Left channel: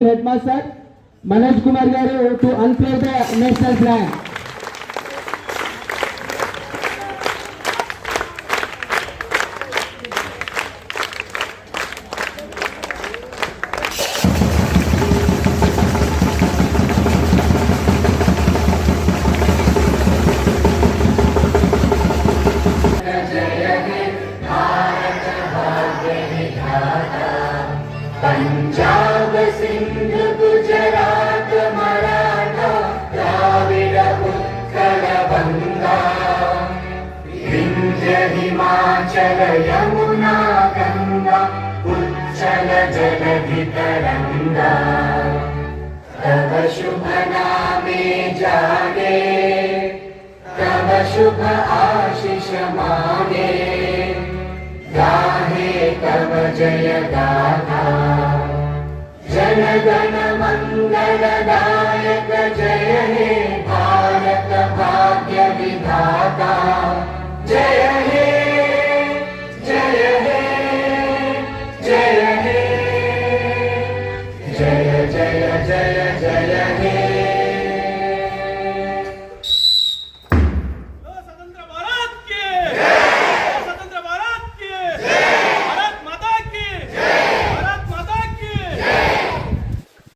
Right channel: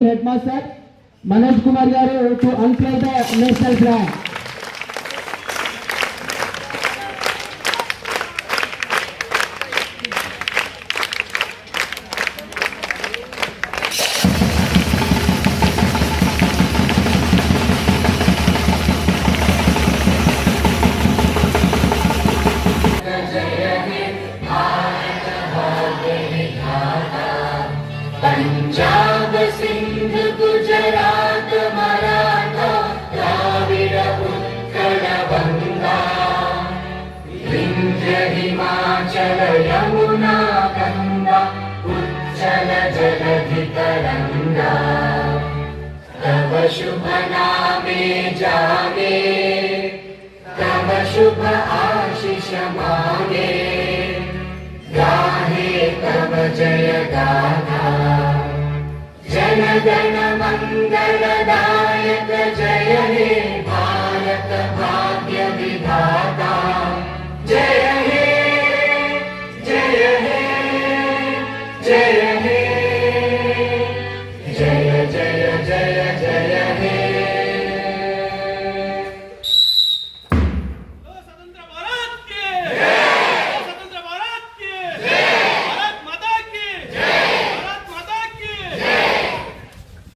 Headmaster Manoj Kumar Garu to unfurl the national flag. Punjab Sindh Gujarat Maratha Dravid Utkal बंगा विंध्य हिमाचल यमुना गंगा उच्चल जलधि तरंगा तव शुभ नामे जाने तव शुभ आशीष माने गाहे तव जय गाथा जन गण मंगलदायक जय हे भारत भाग्य विधाता।